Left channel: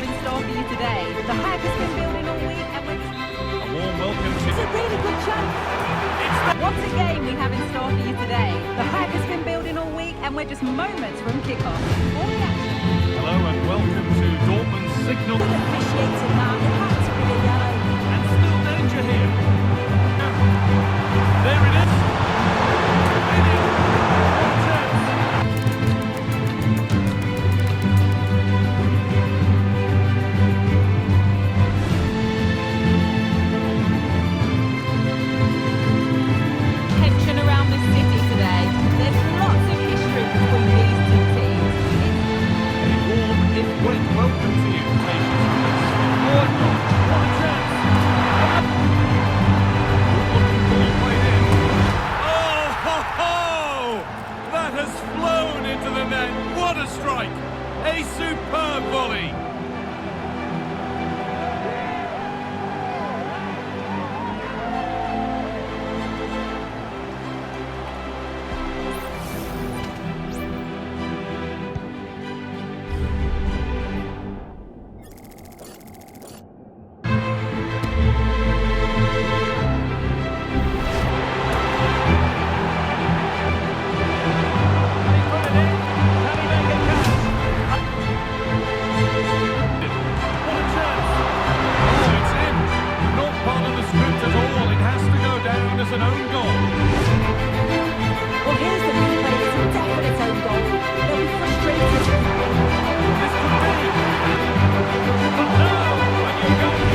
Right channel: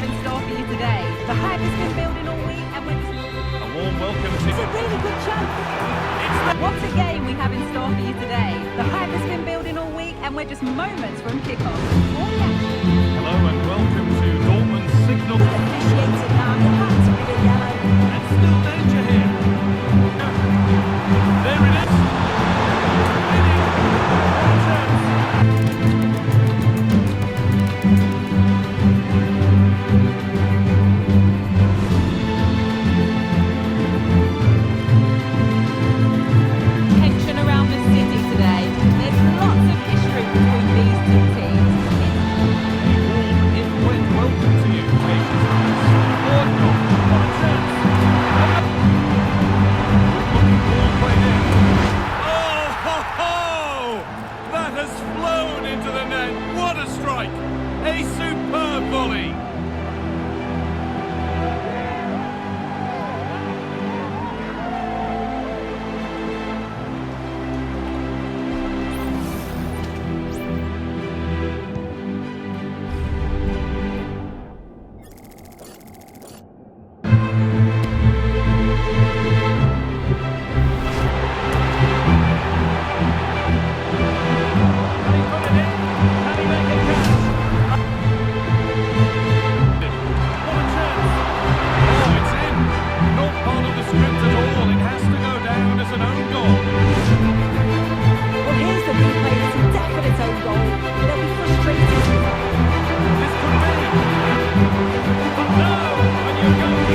have in store for you today. The hype has been building all week and we're just... A warm welcome to... It's a really good chance. What a game we have in store for you today. The hype has been building all week and we're just moments from kickoff. All the action. Hello and welcome to Dortmund's signal. Good officiated now. It had to be a yellow. And still danger here. There it is. Tension around the city today. There's lots of history between these two teams. A warm, if wet, welcome to you. Patience from this. Or not. What a chance. Good looking ball played in. Oh, ho, ho! That has flown into the net. What a strike. A superb volley. As an own goal. Well, here's the replay. It's a definite own goal. They'll be frustrated. This could be. But no, when you're going...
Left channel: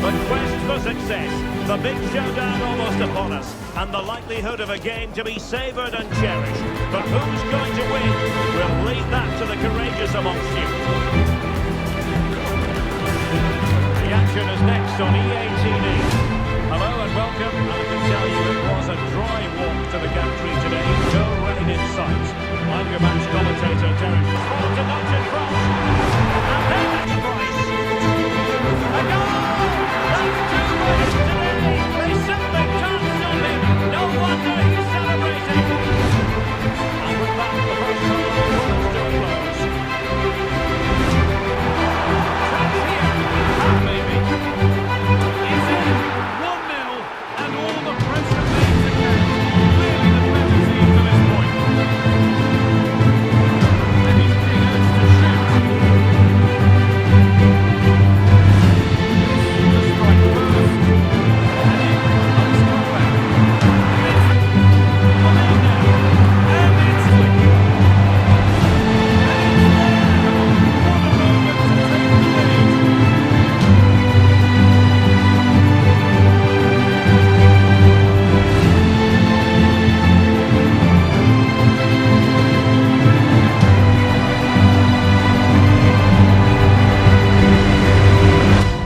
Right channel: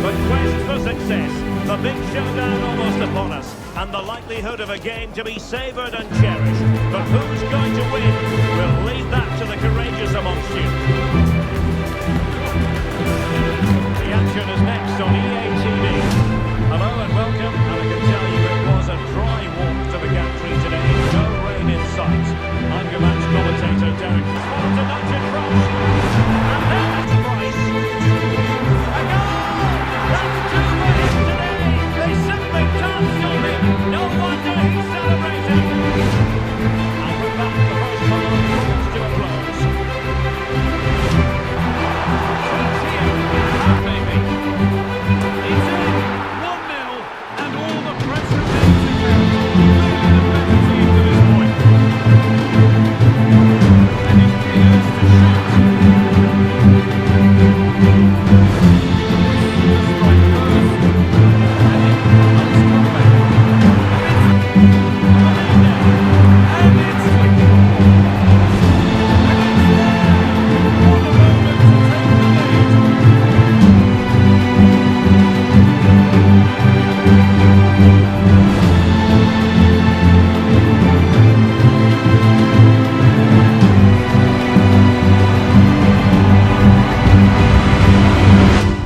The quest for success, the big showdown almost upon us, and the likelihood of a game to be savoured and cherished. But who's going to win? We'll leave that to the courageous amongst you. action is next on EA TV. Hello and welcome, and I can tell you it was a dry walk to the gantry today. No rain in sight. I'm your match commentator, Derek. Spotted to notch in front. And then that's the price. A goal! That's two for him today. They simply can't stop him. No wonder he's celebrating. And with that, the first half draws to a close. Chance here. That may be. It's in. 1-0, and all the pressure made to count. Clearly the better team to this point. And he's being urged to shoot. This to strike first. And nice comeback. It's the lead now. And it's flicking. And it's there. What a moment to take the lead.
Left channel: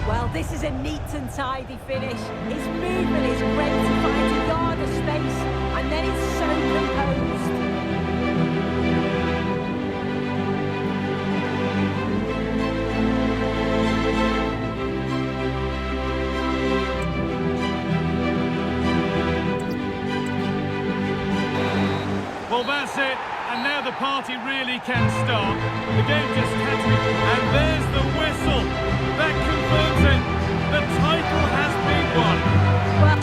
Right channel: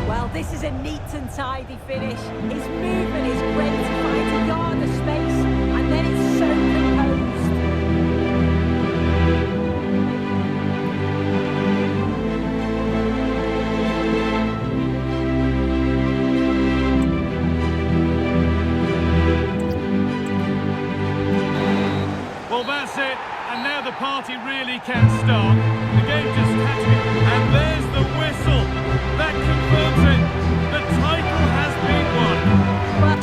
Well, this is a neat and tidy finish. His movement is great. He finds a yard of space, and then it's so composed. Well, that's it, and now the party really can start. The game just had to be... And there's the whistle. That confirms it. The title has been won. Well,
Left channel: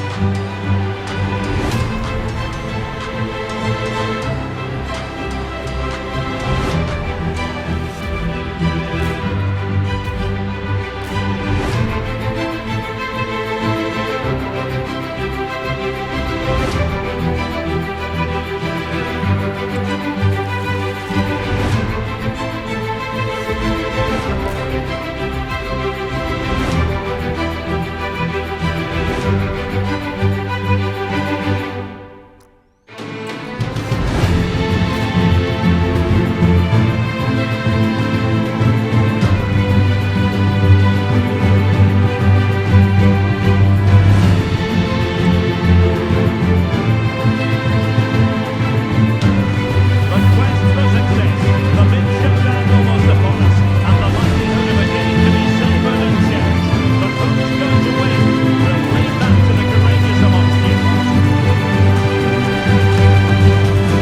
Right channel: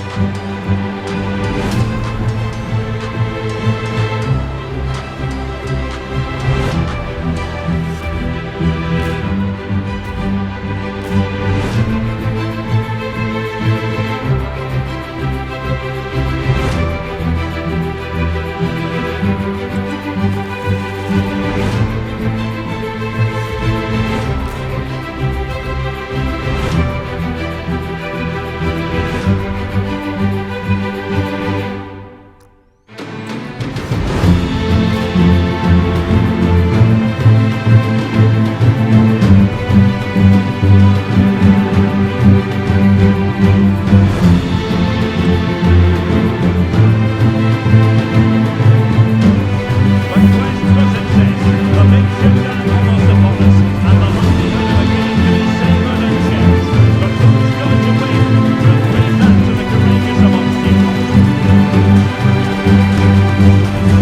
The quest for success, the big showdown almost upon us, and the likelihood of a game to be savoured and cherished. But who's going to win? We'll leave that to the courageous amongst you.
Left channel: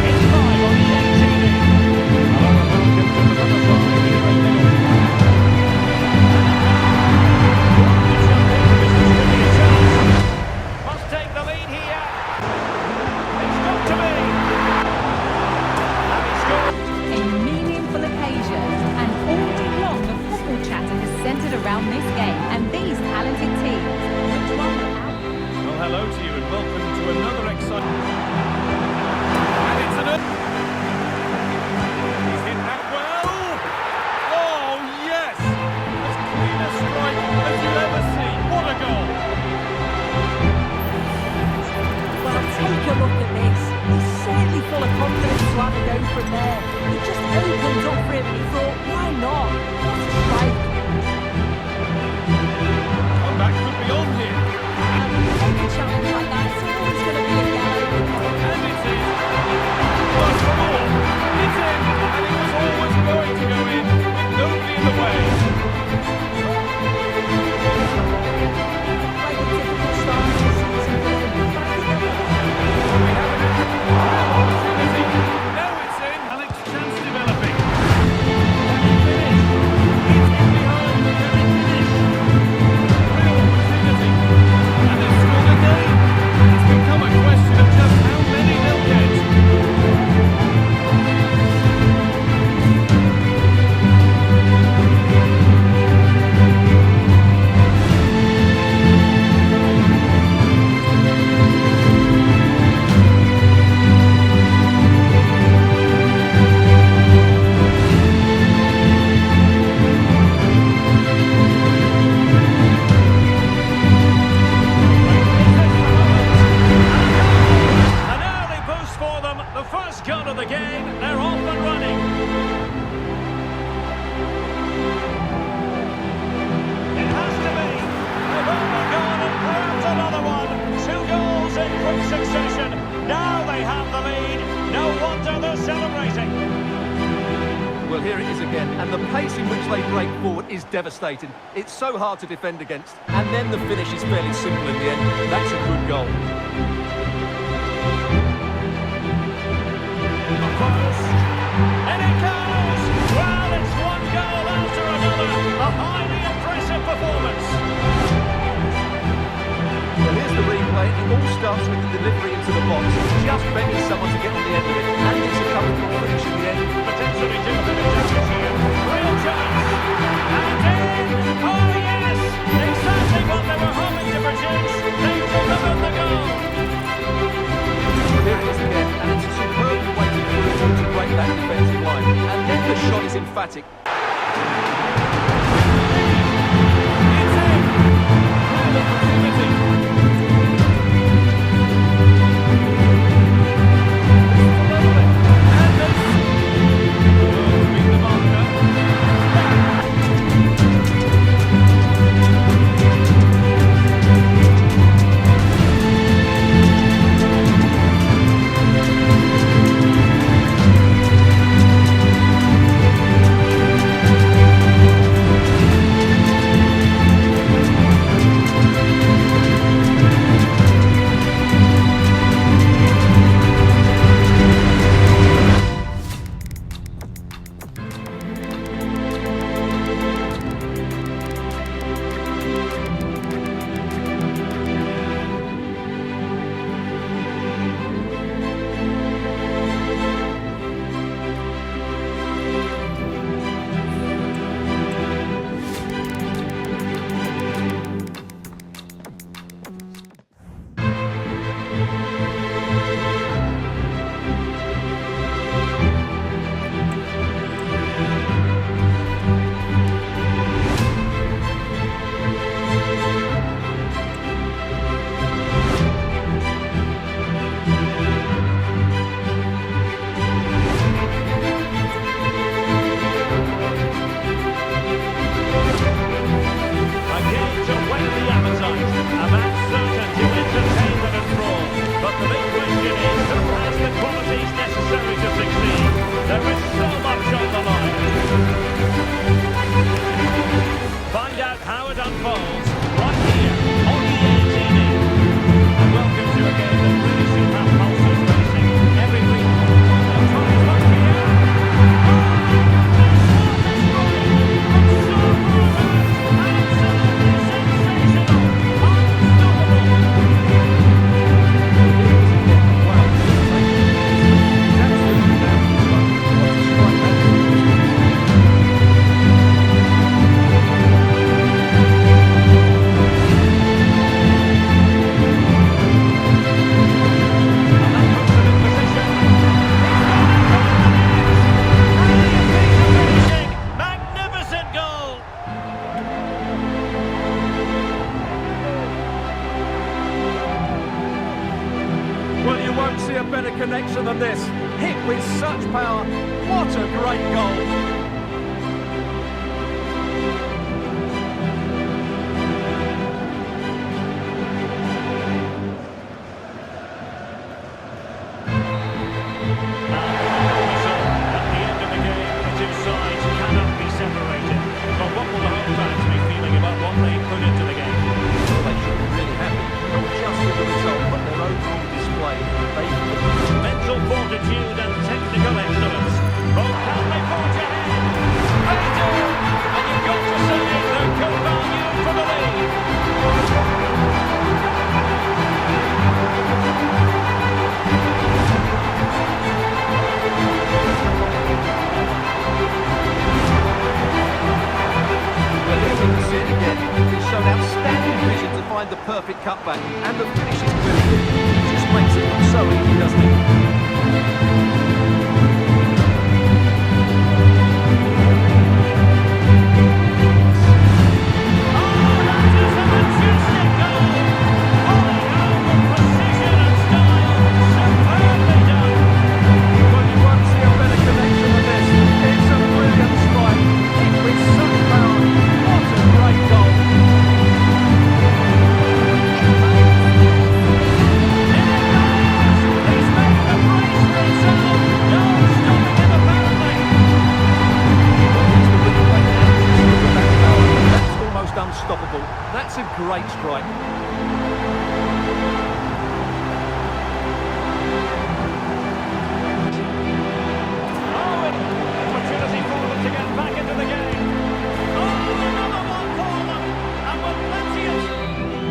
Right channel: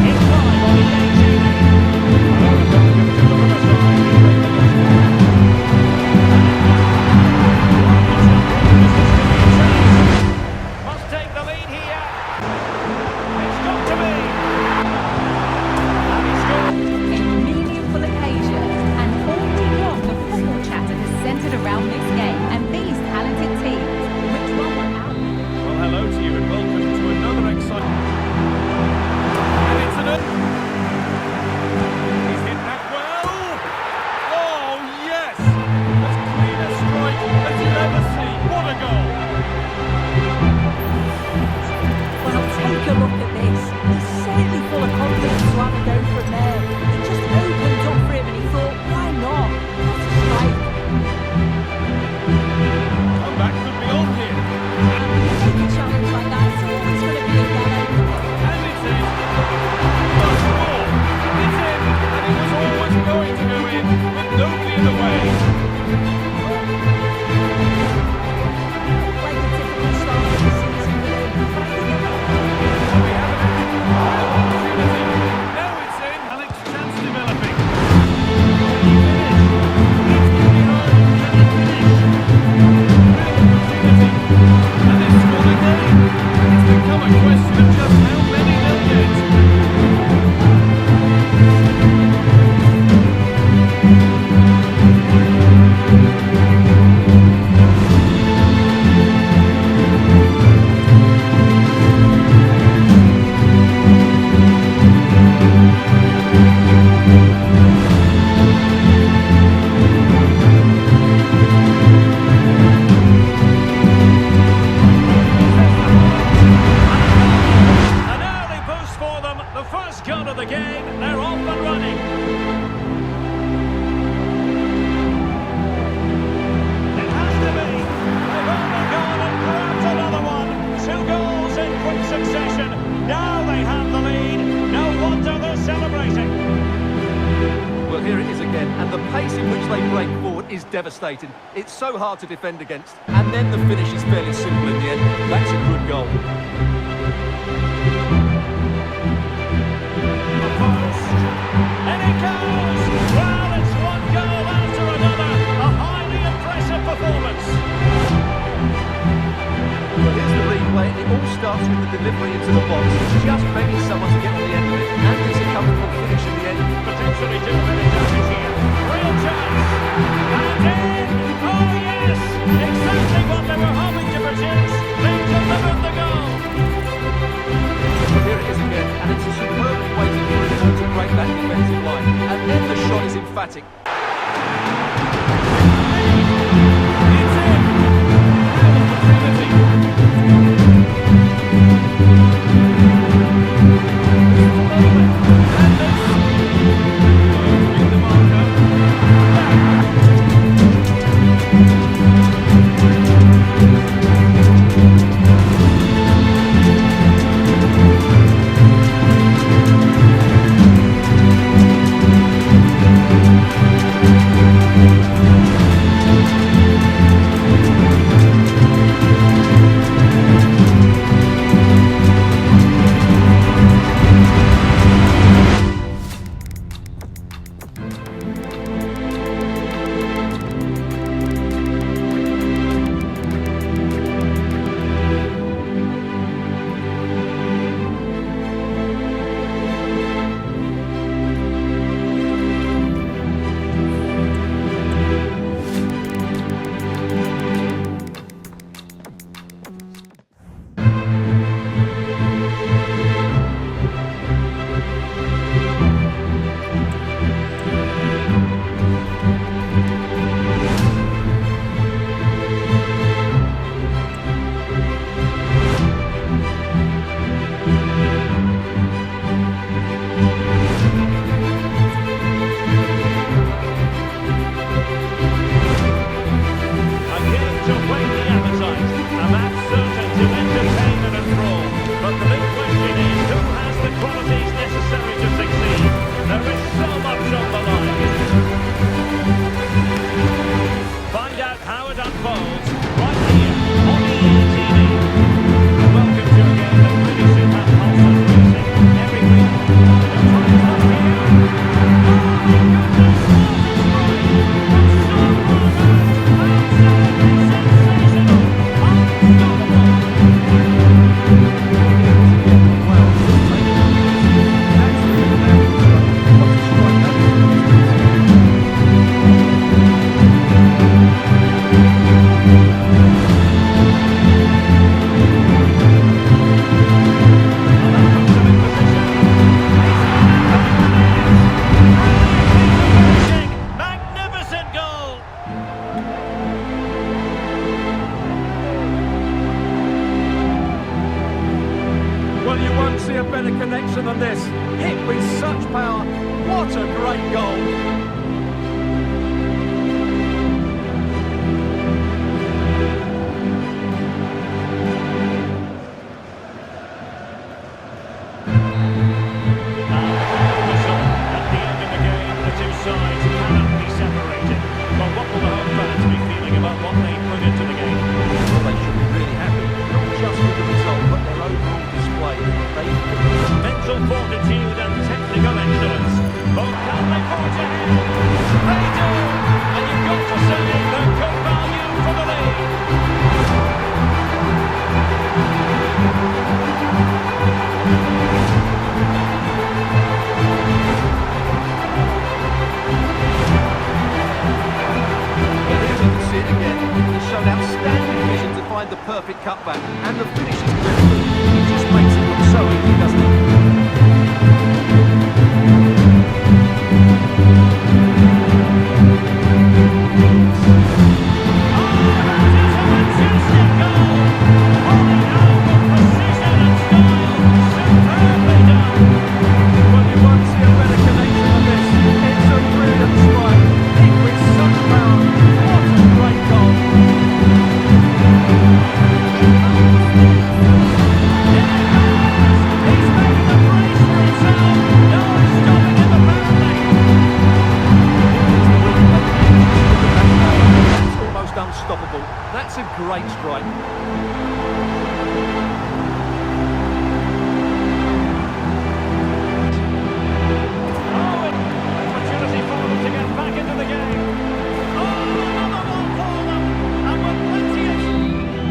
It's live on EA TV. Hello and welcome to the Riverside here in Middlesbrough. Want to jump in because this could be a chance. Must take the lead here. It's got to be. A meaningful occasion, and all week long the football chatter has centred around this game and these talented teams. Which one will out? Well, hello to you, and welcome to another exciting... And it's an... He's hit that well. Oh, yes! As clean a strike as you'll ever see. What a goal! well, take a look at this. He's certainly full of confidence to have a go from there. It just opened up for him, and he thought, why not? What a strike. Comeback could be on here. And when you make a challenge like that, it's always going to be a yellow. And it's in. Must score. It's in, and it was always going to go in, with nobody in the way. Like a typical start to the season for him. But I think Well, we have an real opportunity. Now it's in, and it's chance developing. Can he finish? It's in celebrating. Well, here it is again, and the pace in which they break forward is devastating. It's so hard to defend against, and then the finish is fairly simple in the end. That's a good goal. Post, and it goes! Well, it's one goal after another. A highly impressive performance. Well, here's the replay. It all starts with the delivery into the box, just begging someone to get on the end of it, and it's a comfortable finish in the end. Potentially do a bit of damage here. Real chance. And in! Oh, yes! Exactly what they were hoping to produce. They delivered the goal. Well, here it is again, and it's a superbly weighted through ball to break that defensive line. And then the shot is emphatic. It's in. Real opportunity. This is level it. And this. Well, beat the marker. To whet the appetite, a match certain to entertain and enthrall. But the big question is, who has the qualities necessary to succeed? There is so much on the line. Find out how it unfolds right here on EA TV. And welcome to a game that really should have pulses racing. Every week, they'll try his luck here. Oh my goodness, what a strike! From so far out, absolutely sensational, unstoppable. Here it is again. Wow, just take a look at this. It's absolutely fabulous. What a strike that is from the distance. And that puts him in position. He's gone and got the net. Brilliant piece of finishing. Magnificent goal. Well, you won't see a better connection than this. Hit with such power. What a great goal. And the final whistle. At the end of the game, the two sides cannot be separated. But what will the home fans be feeling about what they put into the game? Well, they should be really happy. Not just with the result, but their overall display. They... Mental fortitude and technical excellence. Both can they forge ahead? They do! And you've got to say they're good value for the lead. Well, here we can see it again. He's shown outstanding vision to find the perfect cutback, and the finish is really good. He just makes it look so easy, doesn't he? Well, you won't see a better connection than this. It's a brilliant strike. Hit with such power. What a great goal. He's made it a unstoppable. That's a great strike. Opportunity for them to get back into the game. Oh, another one for them. And with plenty of...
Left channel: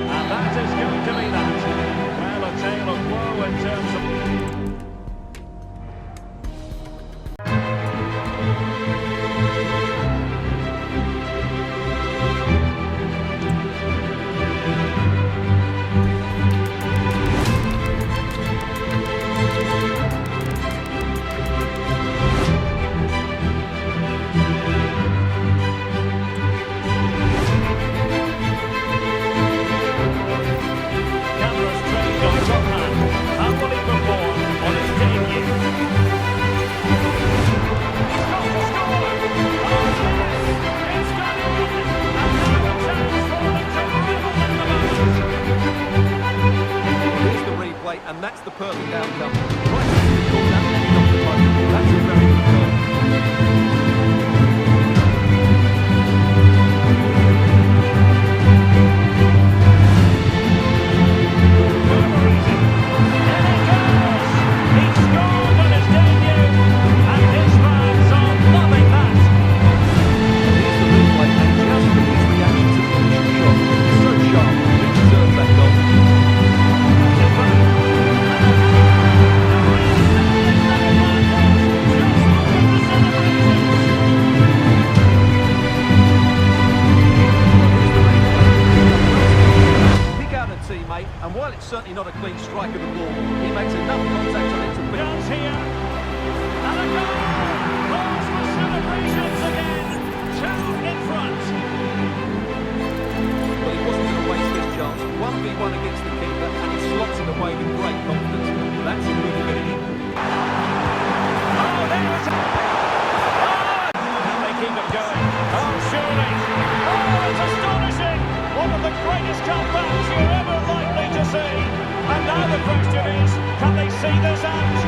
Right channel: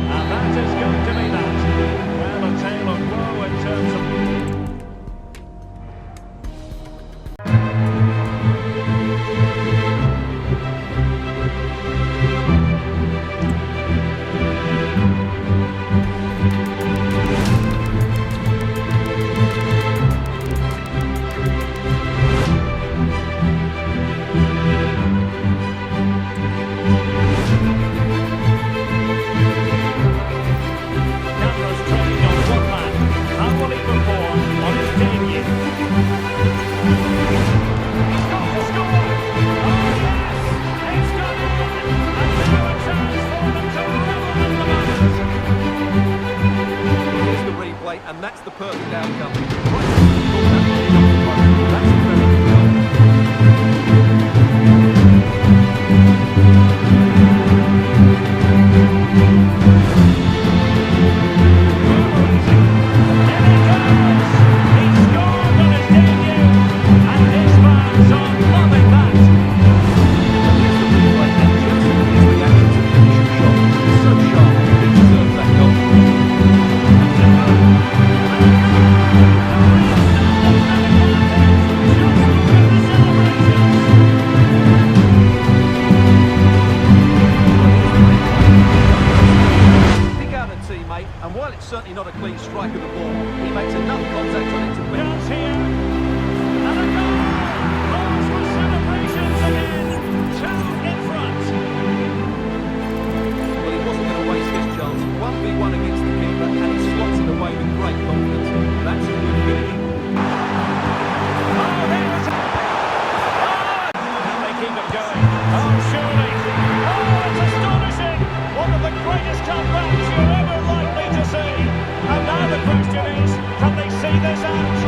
And that is going to be that. Well, a tale of woe in terms of... Cameras trained on one man. How will he perform on his debut? He's got to score! Oh yes! It's gone in! And now a chance for them to revel in the moment. Well, here's the replay, and that's the perfect outcome. Right into the corner and in off the post. That's a very good goal. Murmurizing. Here he goes! He scored on his debut, and his fans are loving that. And here's the replay, and just look at his reaction to the initial shot. It's so sharp. He deserved that goal. Cuts it back. And a goal to re-establish that advantage. Just look at the celebrations. Well, here's the replay. He's done well to get pick out a teammate, and while it's certainly not a clean strike of the ball, he makes enough contact on it to win. Chance here. And a goal. Calls for celebrations again. Two in front. Well, he wasn't going to waste this chance. 1v1 against the keeper, and he slots it away with great confidence. That's a good finish. Oh, there is... Oh! Can they keep it going? Oh, surely. Oh, it's astonishing. One of the greatest comebacks you're ever likely to see. And now the question is, can they see this out?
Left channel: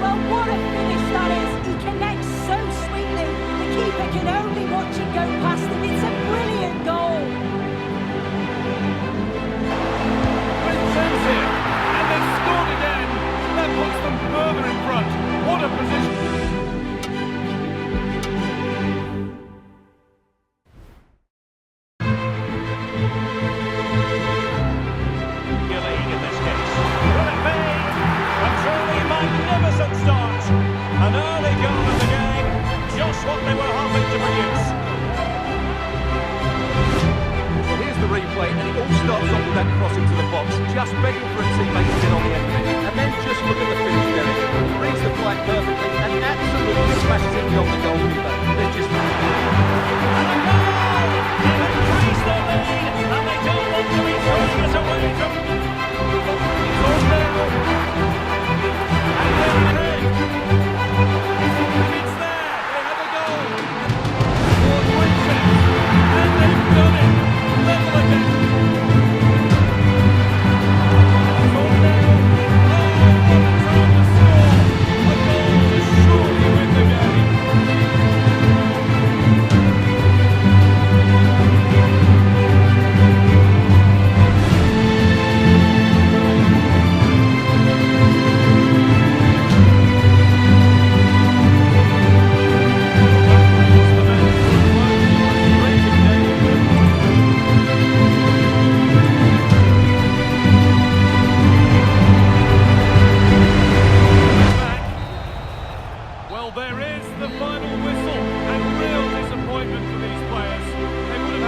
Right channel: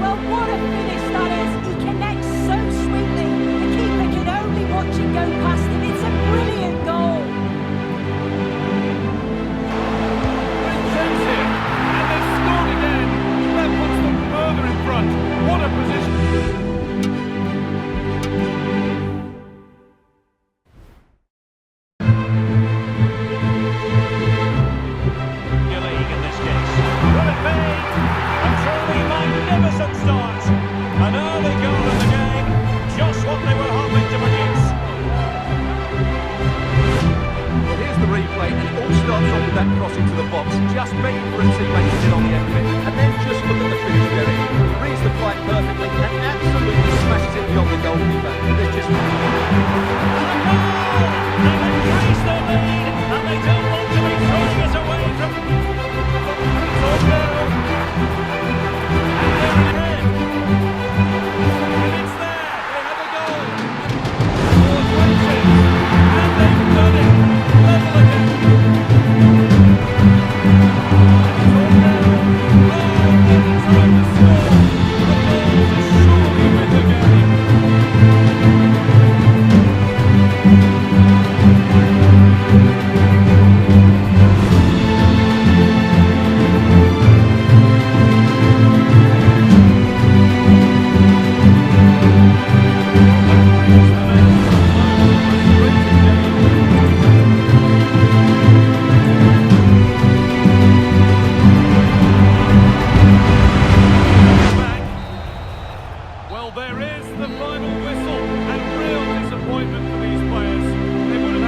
Well, what a finish that is. He connects so sweetly. The keeper can only watch it go past him. It's a brilliant goal. Great chance here, and they've scored again. That puts them further in front. What a position. League in this case. Will it be? A truly magnificent start. An early goal in the game. Just what they were hoping to produce. Well, here's the replay, and it all starts off with that cross into the box, just begging for a teammate to get on the end of it. And then just look at the finish, Derek. He reads the flight perfectly and absolutely smashes it beyond the goalkeeper. There's just... And a goal! They've increased their lead, and they don't want to be throwing it away from... It's on now. And they're in red. And it's there. They have a goal. More 20. And they've done it. Level again. And it's on now. Oh, what a time to score. A goal to surely win the game.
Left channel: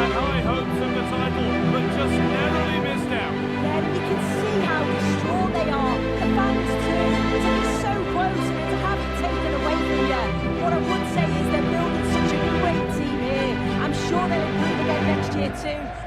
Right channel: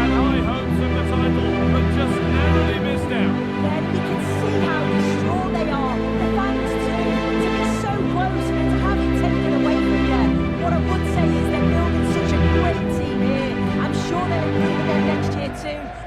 had high hopes of the title, but just narrowly missed out. Yeah, and you can see how distraught they are. The fans too. To be so close and then to have it taken away from you. What I would say is they're building such a great team here. I'm sure they'll improve again next year too.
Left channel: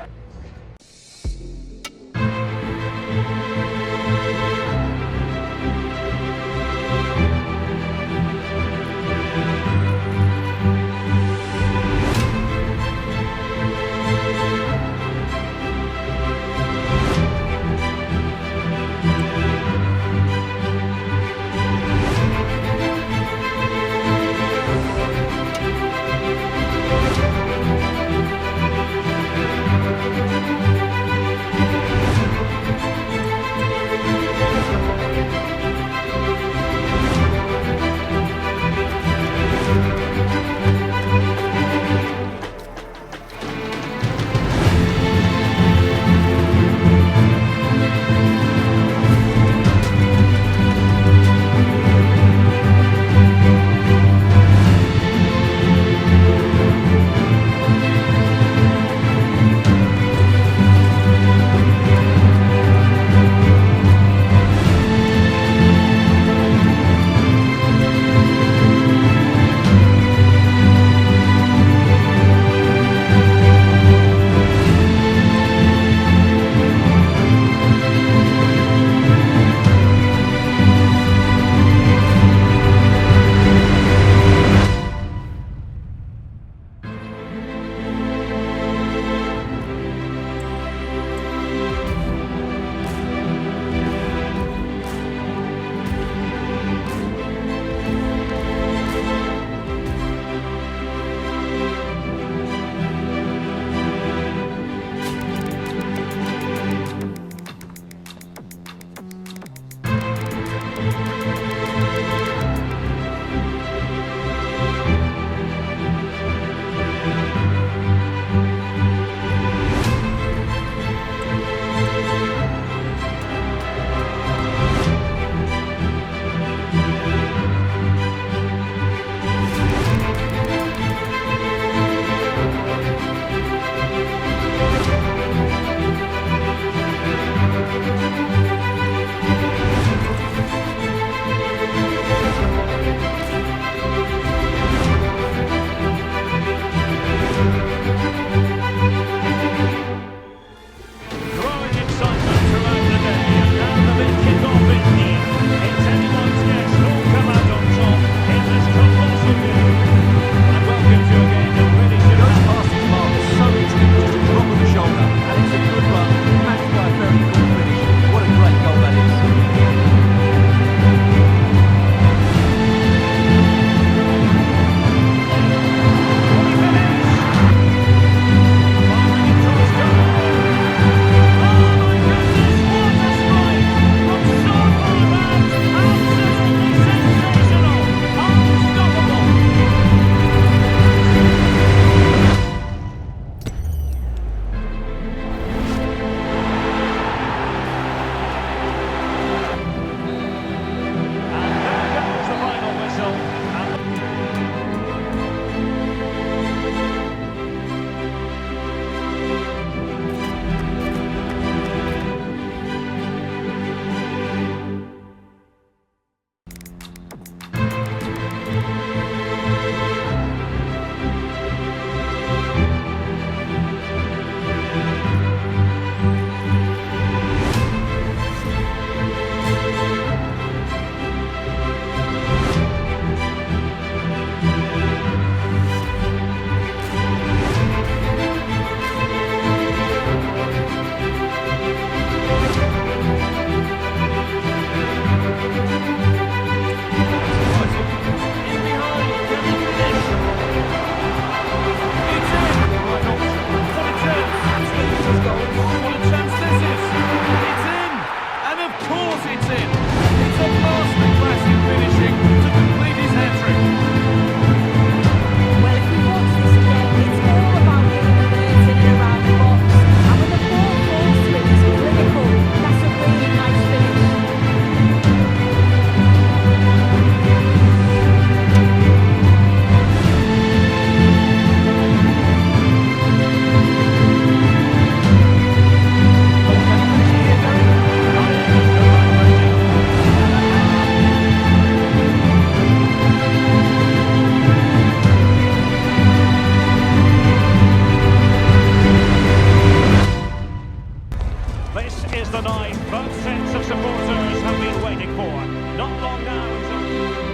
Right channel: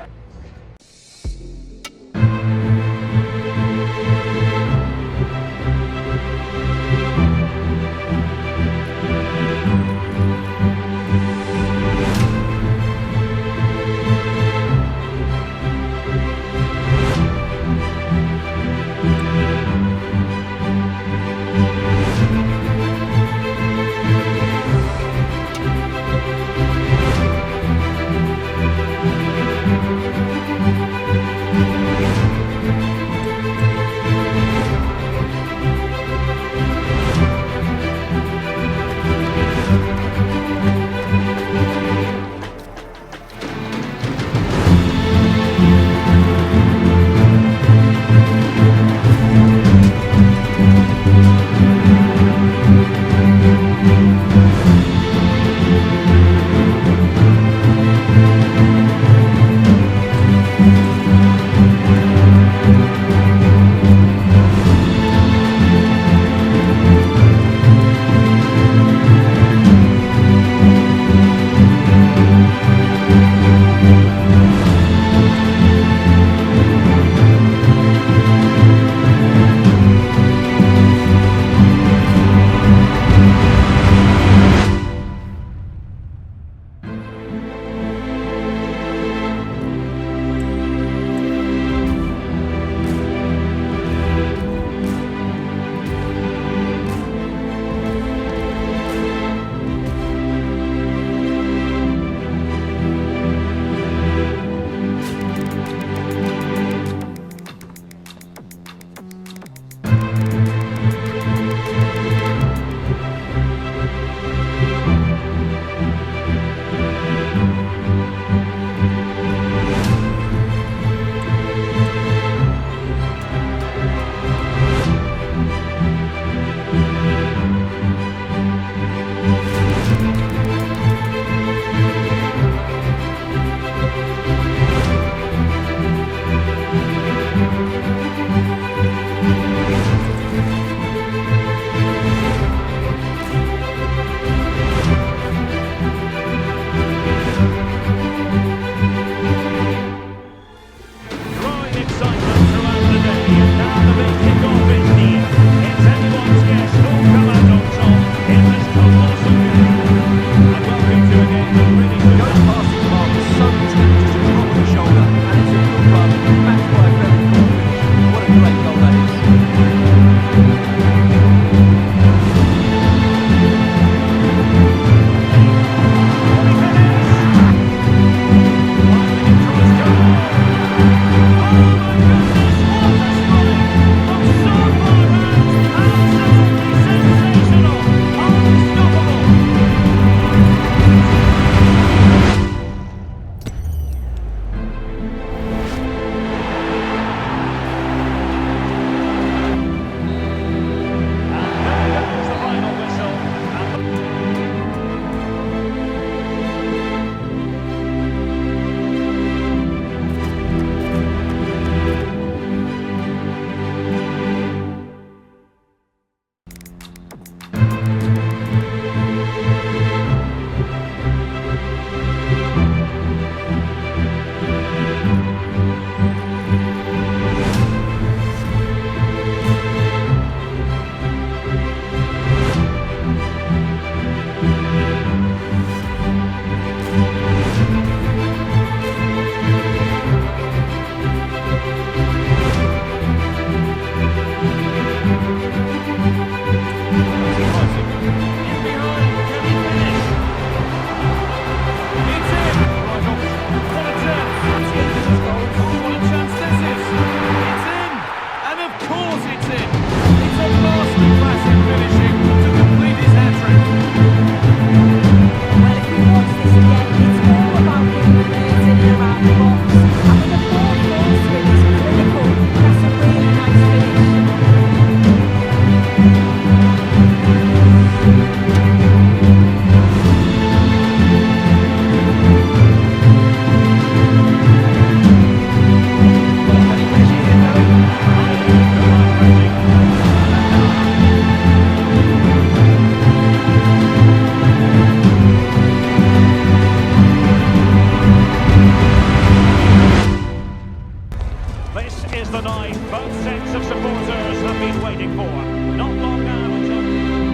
is the night both sets of supporters have been waiting for. Not long now until...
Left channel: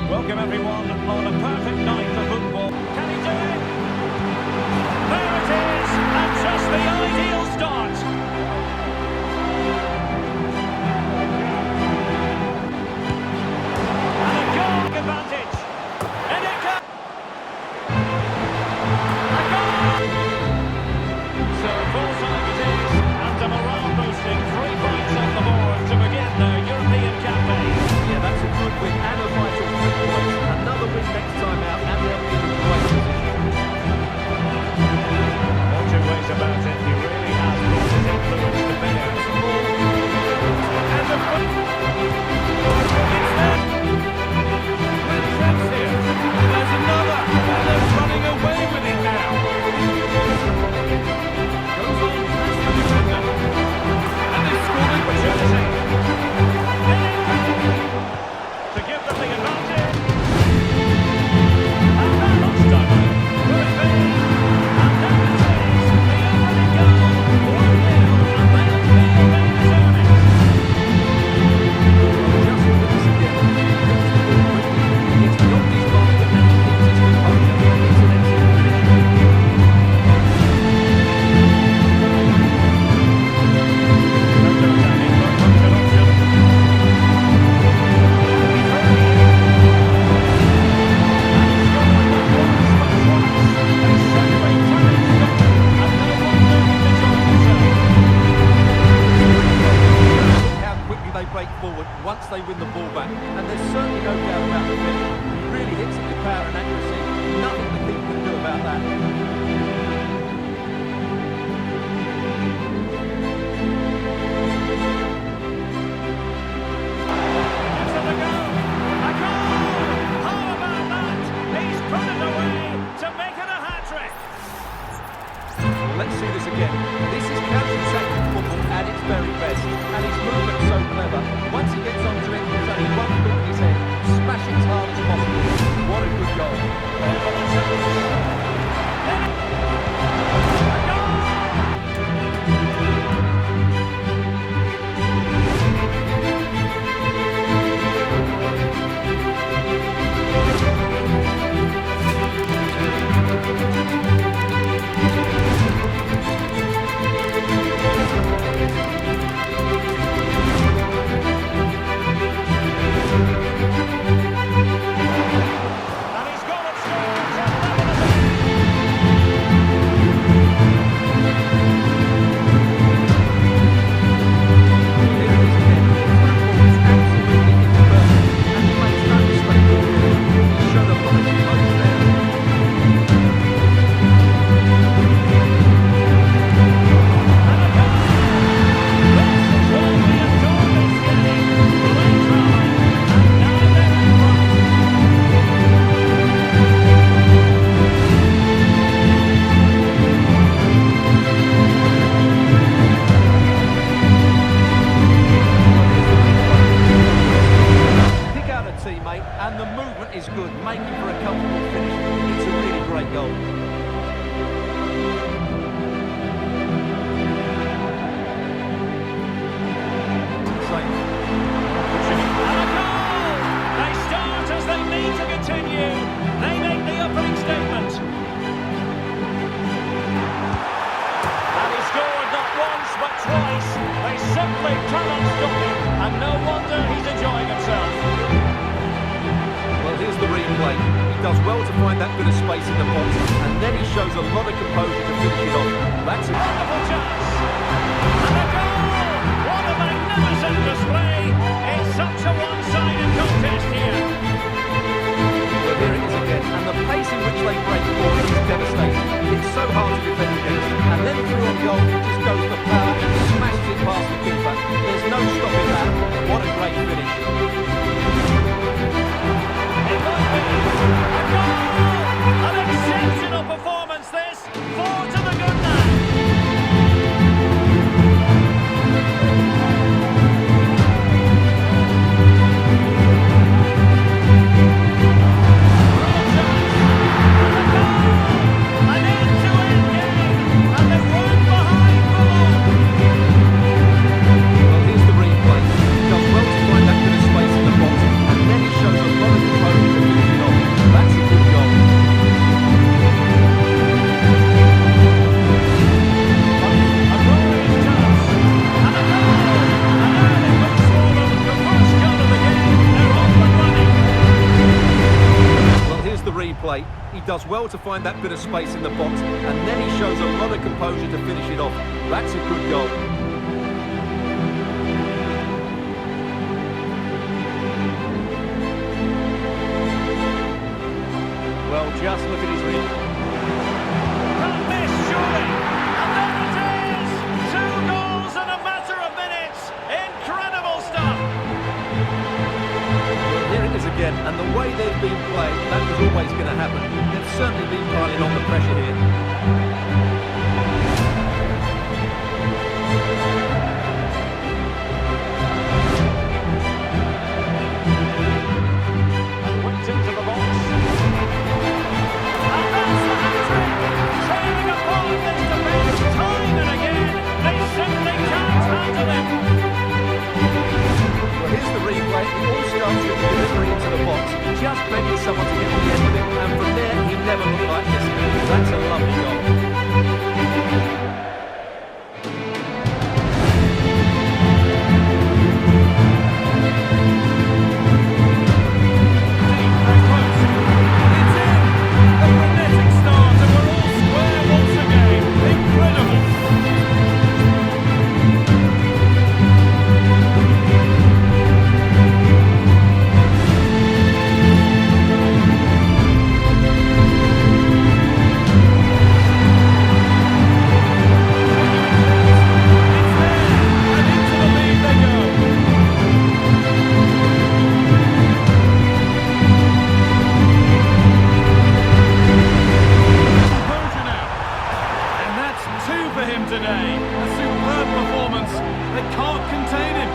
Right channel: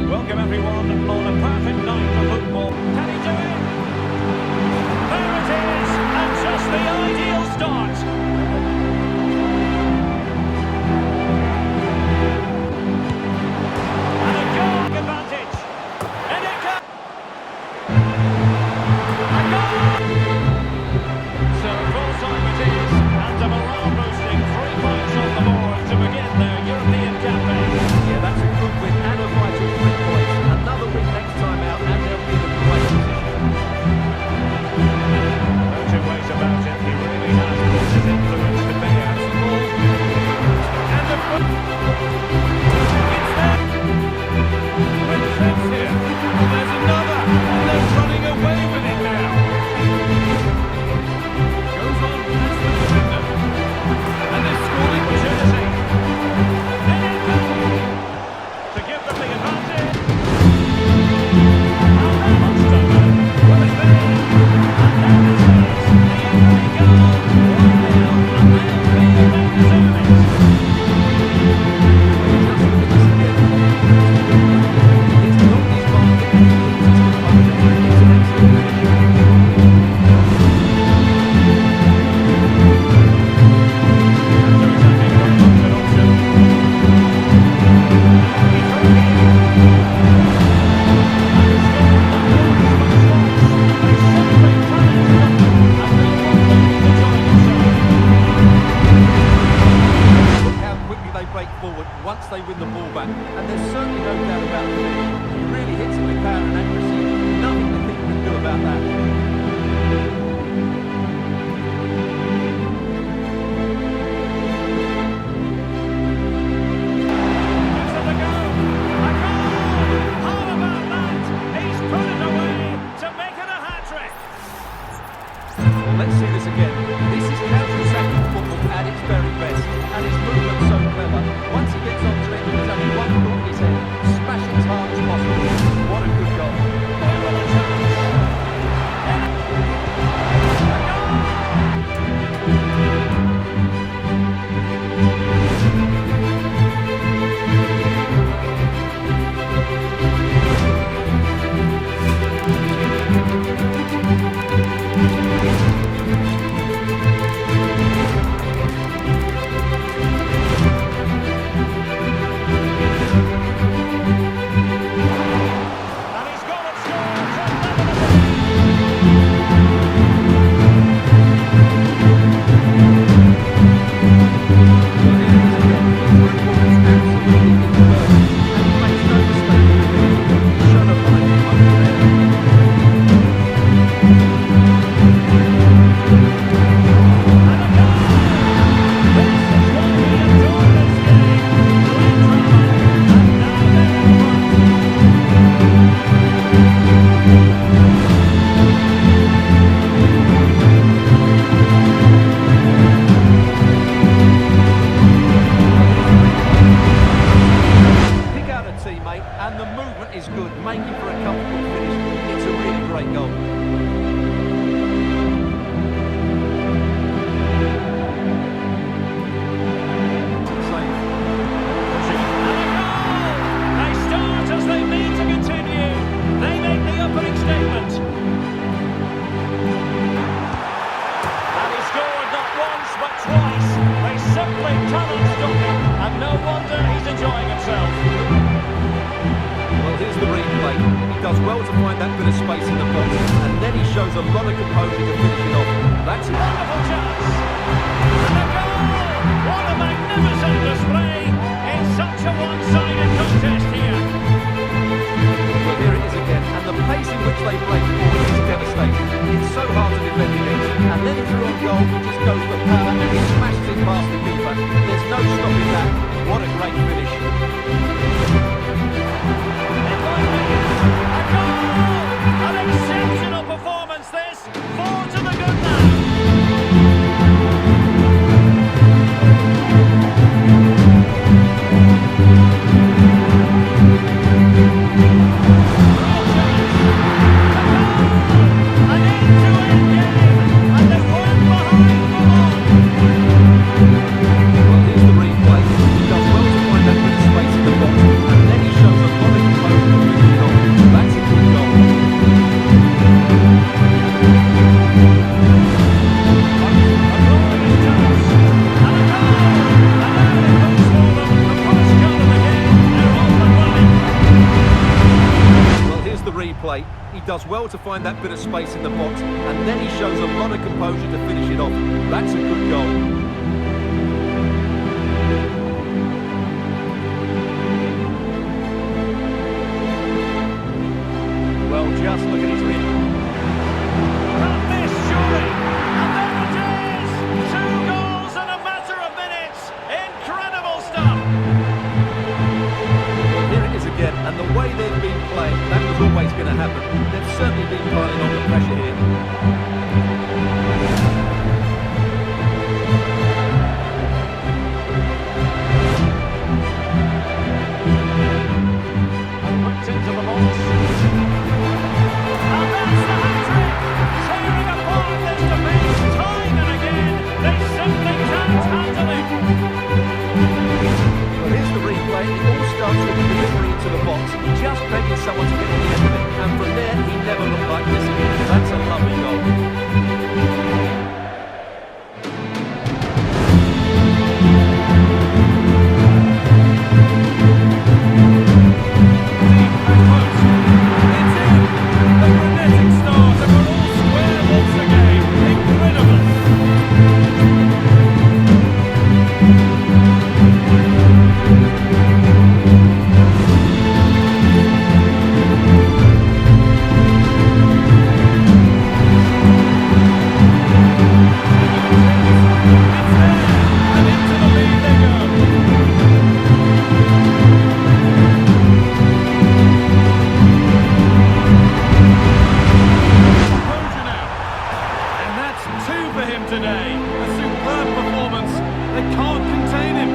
Welcome everyone on a perfect night for football. Can he do it? There it is, and just the ideal start. And a goal advantage. And it comes. A goal! So full time it is, and a morale boosting 3 points on the board to begin their European campaign. Yeah, that's a good win and a vital 3 points. Another win next time out and they'll be in a great position. No two ways about it, he really has brought his influence to bear. The ball. And the foot. It's there. Great chance here. Oh, there's another. And they're running away with it now. Goes on past the defender. And they've scored Opportunity. In it comes. To give them the advantage. And that lunchtime out. Will it be? And there it is. The opening goal. 1-0. And they'll feel they deserve it. Well, just look at this again. Moves the ball quickly, he gets beyond his marker and he keeps his composure. It's an excellent finish. Counter-attacking, very much an option. Happy through here. And he scored not once but twice. They simply cannot stop him. And no wonder he's enjoying himself. Just look how quickly they break forward once they win the ball back. And there's certainly no doubt about the finish. He really hits it with power and accuracy. Nothing the keeper can do about that. Gives them a go. A goal! How about that? He's put it away to make it a hat-trick. Well, let's see this again. This is counter-attacking football at its very best. And his movement's so clever. Once he gets onto it, there's only one thought in his head. Smash it as hard as possible. What a good goal. With a chance. A goal! And he's gone and scored to level it again. Well, here it is again. The through ball is absolutely imperfect, and he makes no mistake in the finish. He's shown a lot of composure there. And a goal! This is why we adore this game. Great drama, and now they're in front. Well, here's the replay. He's got no speed. Pick out a teammate, and the movement is good, making for a comfortable finish. It's a really great goal. Save. Pushing it. And a goal! They start as they mean to continue. They make the opening statement. And he scored not once but twice. They simply cannot stop him. And no wonder he's enjoying himself. Well, here's the replay. He does well to find that bit of space in the box, and then he shows a lot of composure to finish it off. That's a Wonderful chance. And a goal! What a magnificent display. It's such a one-sided contest here. Well, here it is again, and the pace in which they break forward is devastating. It's so hard to defend against, and then through on goal, he just goes for power and smashes it past the keeper. There's no stopping that. What a great finish. It might be a goal! An exceptional performance this. 4 to the good now. Real chance. And a goal! An end-to-end game. And they weren't behind for long. Well, does well to find that bit of space in the box, and then he shows a lot of composure to finish it off. That's a good goal. Well, just look at his real. Can't miss, surely. And there it is! 2 goals in a matter of minutes. Incredible stuff. Well, here it is again, and the way they've been playing, that was always going to happen. They've certainly been piling on the pressure here. And whipped into the box. And that's the hat-trick! Tearing apart this defence time and again. They simply can't handle him. Well, here's the replay. It all starts with the delivery into the box, just begging someone to get on the end of it. And from there, he never looked like missing. That's a lovely goal. Deep and close. It's in! The frenetic start, and we're all square once again. Incredible! It's there, and into the lead they go. Composure now. And that's 2 for him today. A superb performance. They can't contain him.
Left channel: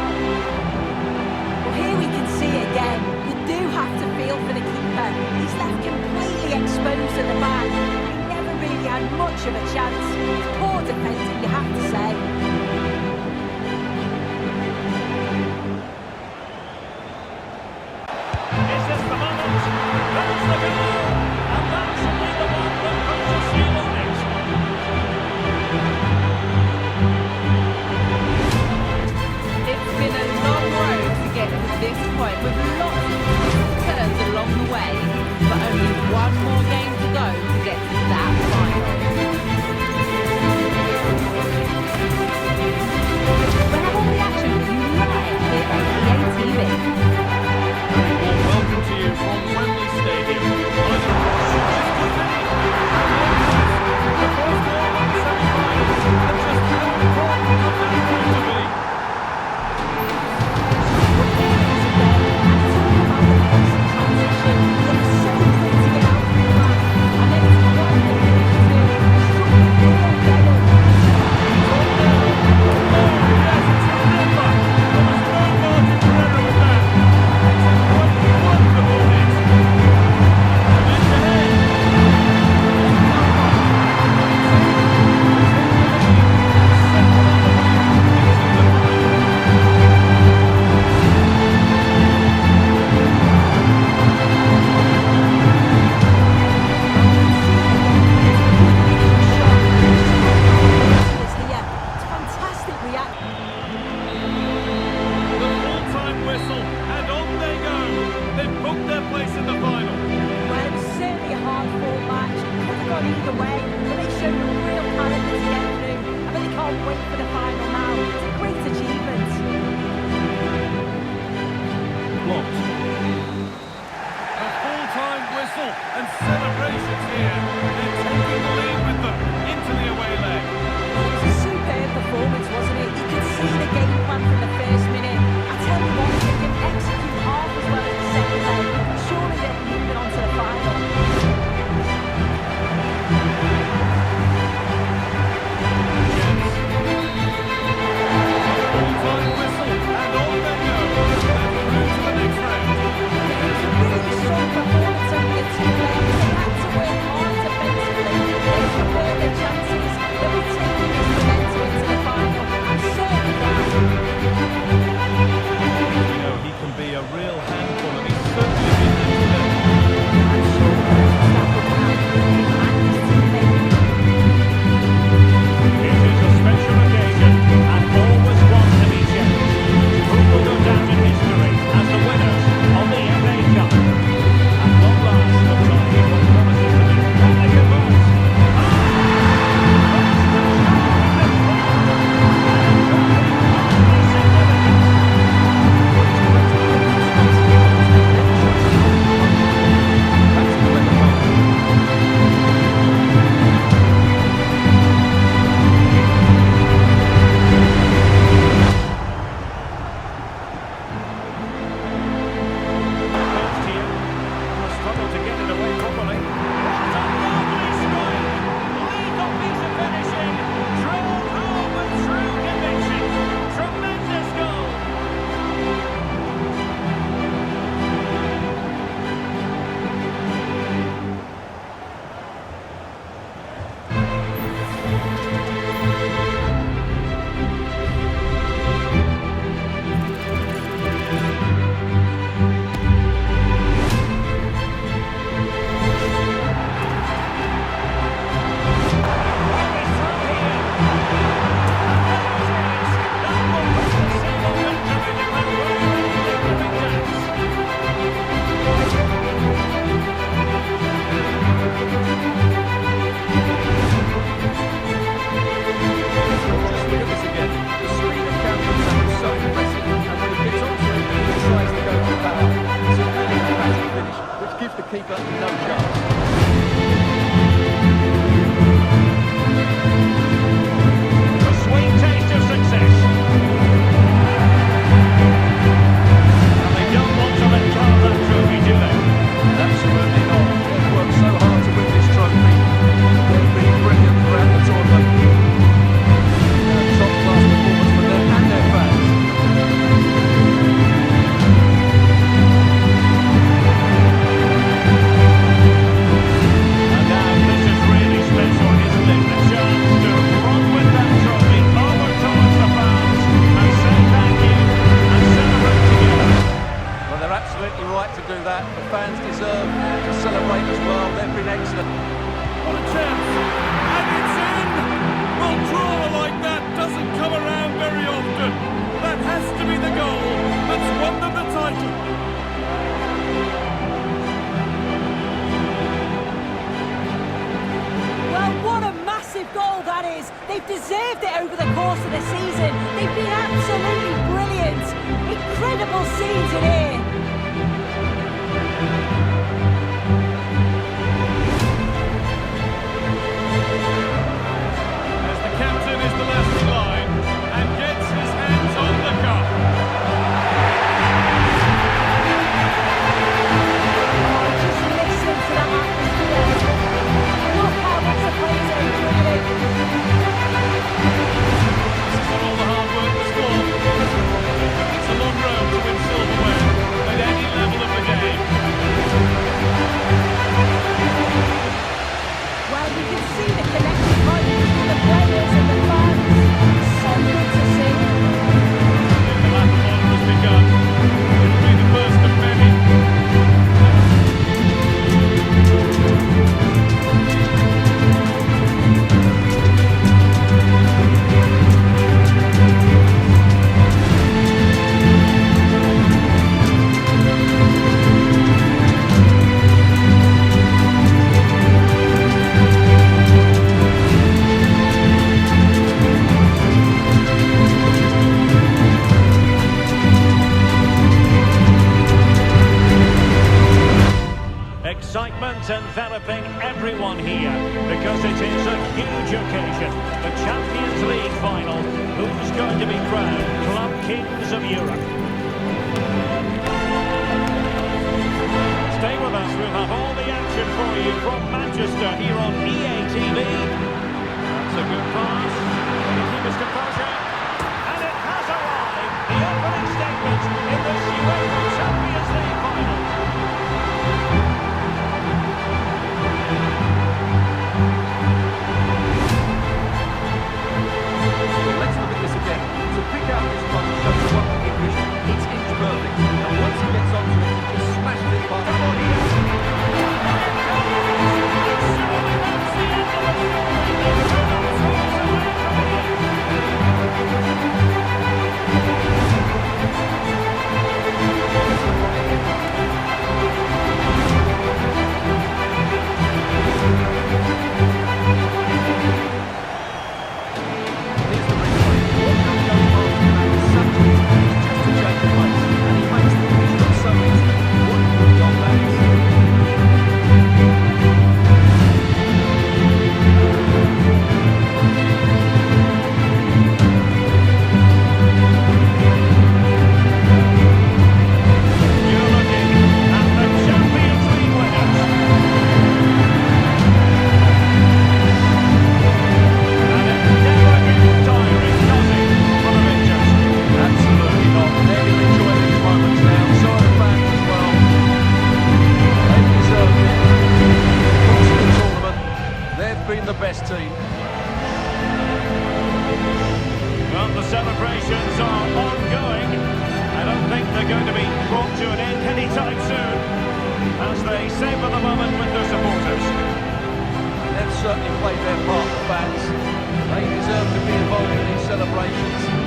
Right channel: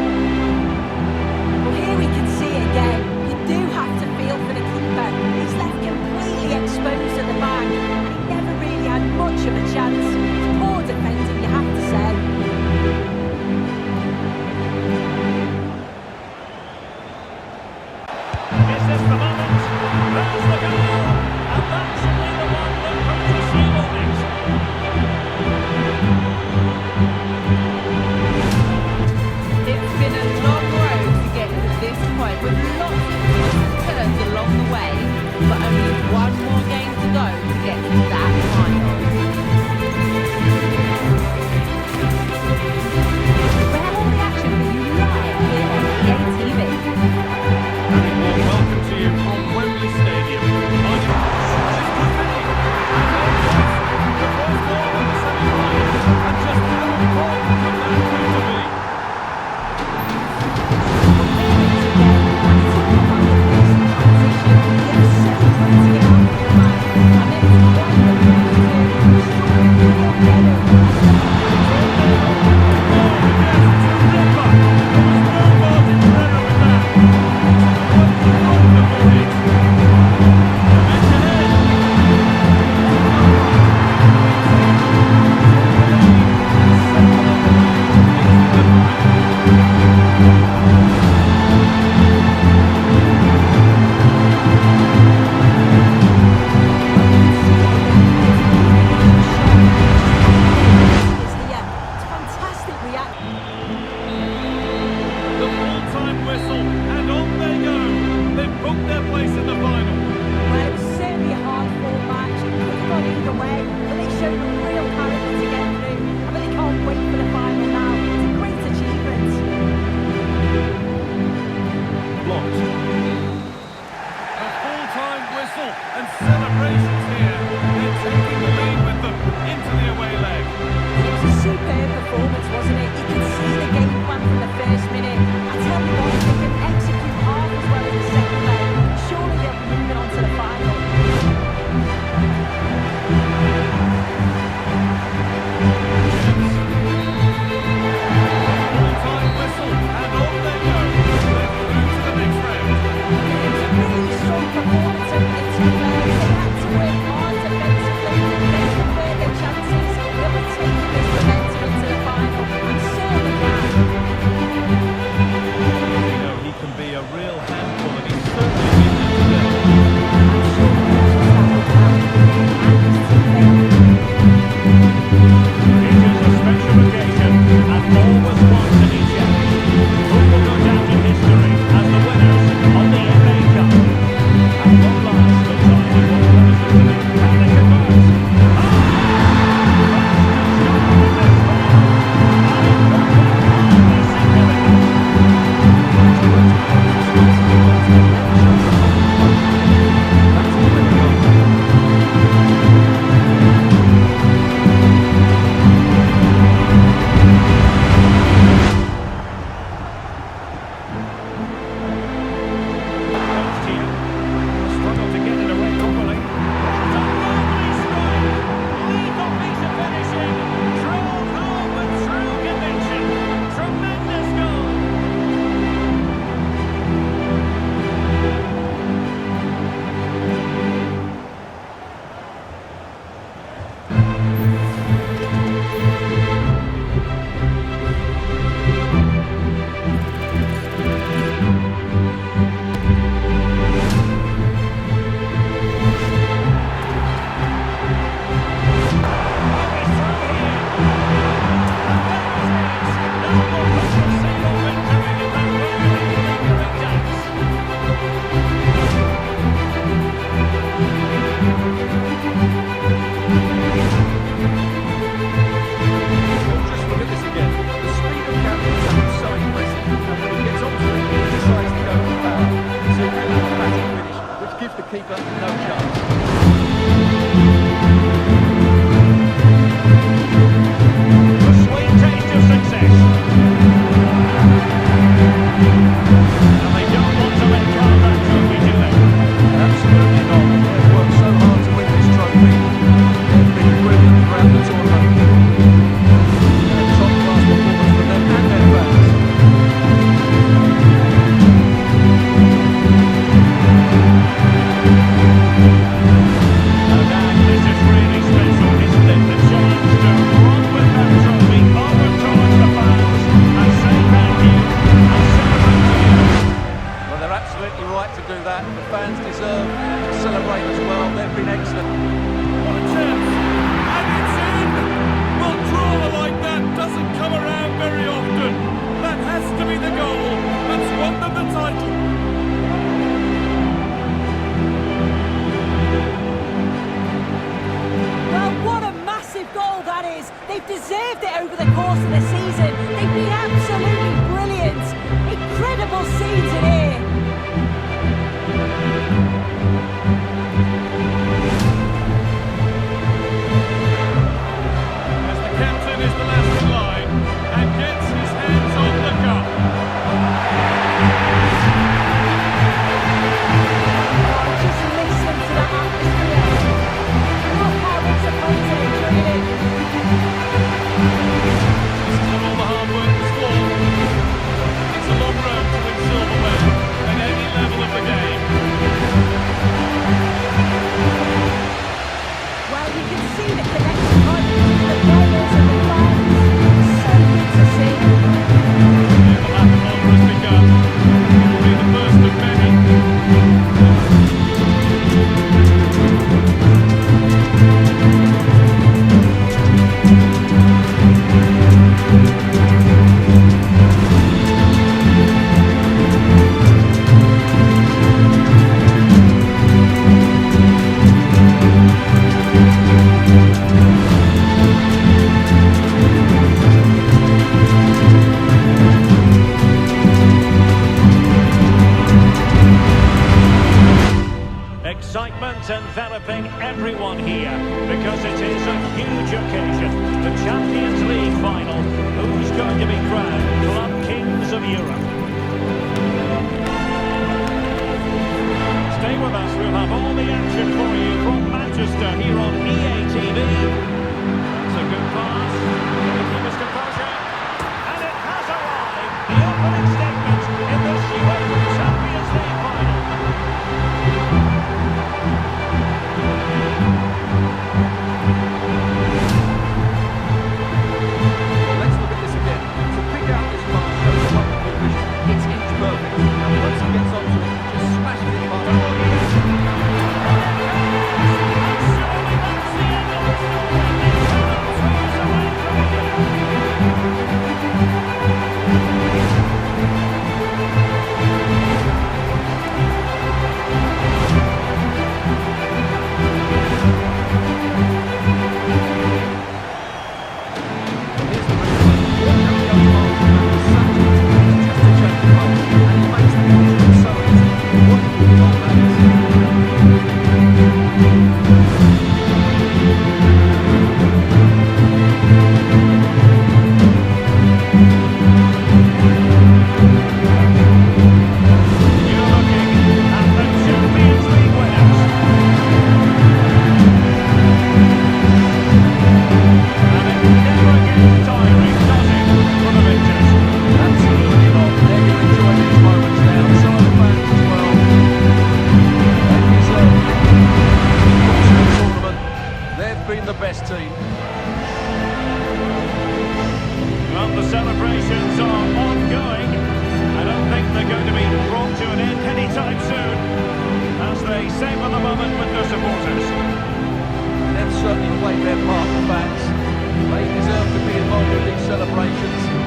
Well, here we can see it again. You do have to feel for the keeper. He's left completely exposed at the back, and he never really had much of a chance. It's poor defending, you have to say. Is this the moment? There's the goal! And that should be the one that puts a seal on it. It's been a long road to get to this point, with lots of twists and turns along the way, but only one more game to go to get to that final. We have all the action for you live here on EA TV. Very warm welcome to you from Wembley Stadium. I think this could be. And there it is. The first goal in the semi-final. And just how important could that prove to be? Well, here it is again, and it's all about the pace and transition. It was so quick to get out from the back, and then it's quite the finish too. Struck with real venom. Yes, it's a ripper. There was no margin for error with that. It's a quite wonderful hit. The match ahead. The full-time whistle, and on they go. They've booked their place in the final. Well, it was certainly a hard-fought match. It could have gone either way, but they showed a real character to get through. I really can't wait for the final now. It's a great achievement. Blocked. A full-time whistle and celebrations here. They're taking the lead with them into the away leg. It was a superb performance, wasn't it? You could see the game plan from the first minute. I tell you what, if they can execute half as well as the second leg, surely they'll be moving on to the final. Chance. A full-time whistle, and on they go. They're through to the next round. It was a really strong performance over the 2 legs. They had to work hard defensively. They convert their chances. They'll be taking this momentum into the final. I'm certain of that. just look at this again. The speed of counter-attack is so impressive, and when he gets onto it, he decides to go for power. It's a really emphatic finish, which gives the keeper no chance. The sweet taste of success. And they don't want to let go of that trophy, do they? Absolutely not. They've worked so hard to win this trophy. They've been brilliant throughout the tournament. Top-class performance for them and their fans. And now this is really special, isn't it? The chance to run with that trophy over towards the fans and say thank you and celebrate together. Well, they're absolutely right to do that. The fans deserve to celebrate as well. They've been excellent. What a chance! And it's in! Well, drama like that doesn't come around very often. That has to be the goal that's won them the title. Well, what a massive goal that is. They've deserved it over the course of the season. They've been absolutely brilliant. Incredible scenes in here. As the captain is the last in line and gets his hands on the cup. Oh, just listen to that atmosphere. Look how much the players are enjoying it. This is where all the hard work was for. It's a long road to win silverware at any level of the game. Well, you can see the connection between the players and the fans. So good to see. Yeah, the lap of honour has begun. It'll be the first of many. Excitement enveloping everyone here because it is a huge occasion. The Champions League final. Who's going to be crowned Club Kings of Europe? Stay with us, we'll have all the action for you from Manchester here on EA TV. That's a good pass. Can he keep his composure? And it has arrived. The opening statement in this UEFA Champions League final. Well, let's look at this again. To pick out this goal shows wonderful vision. It's inch perfect. And once he gets onto it, he just smashes it past the body. Surely that's the end of the story. They cannot throw us away from here. Here's the replay. Watch how he goes past the man with such ease. He's just a change of pace. And he makes the finish look so easy. What a good goal that is. You're looking at the Champions League winners. And it never gets tiring, does it, for the victors? Absolutely not. They're going to enjoy these moments now. So are the fans as well. They've deserved it. In the course of the tournament, they've been the best team. Well, the celebrations are ongoing. I don't think they're going to be brought to an end anytime soon as they savour the moment with their supporters. They've certainly played their part, the fans. They deserve to be involved in these celebrations.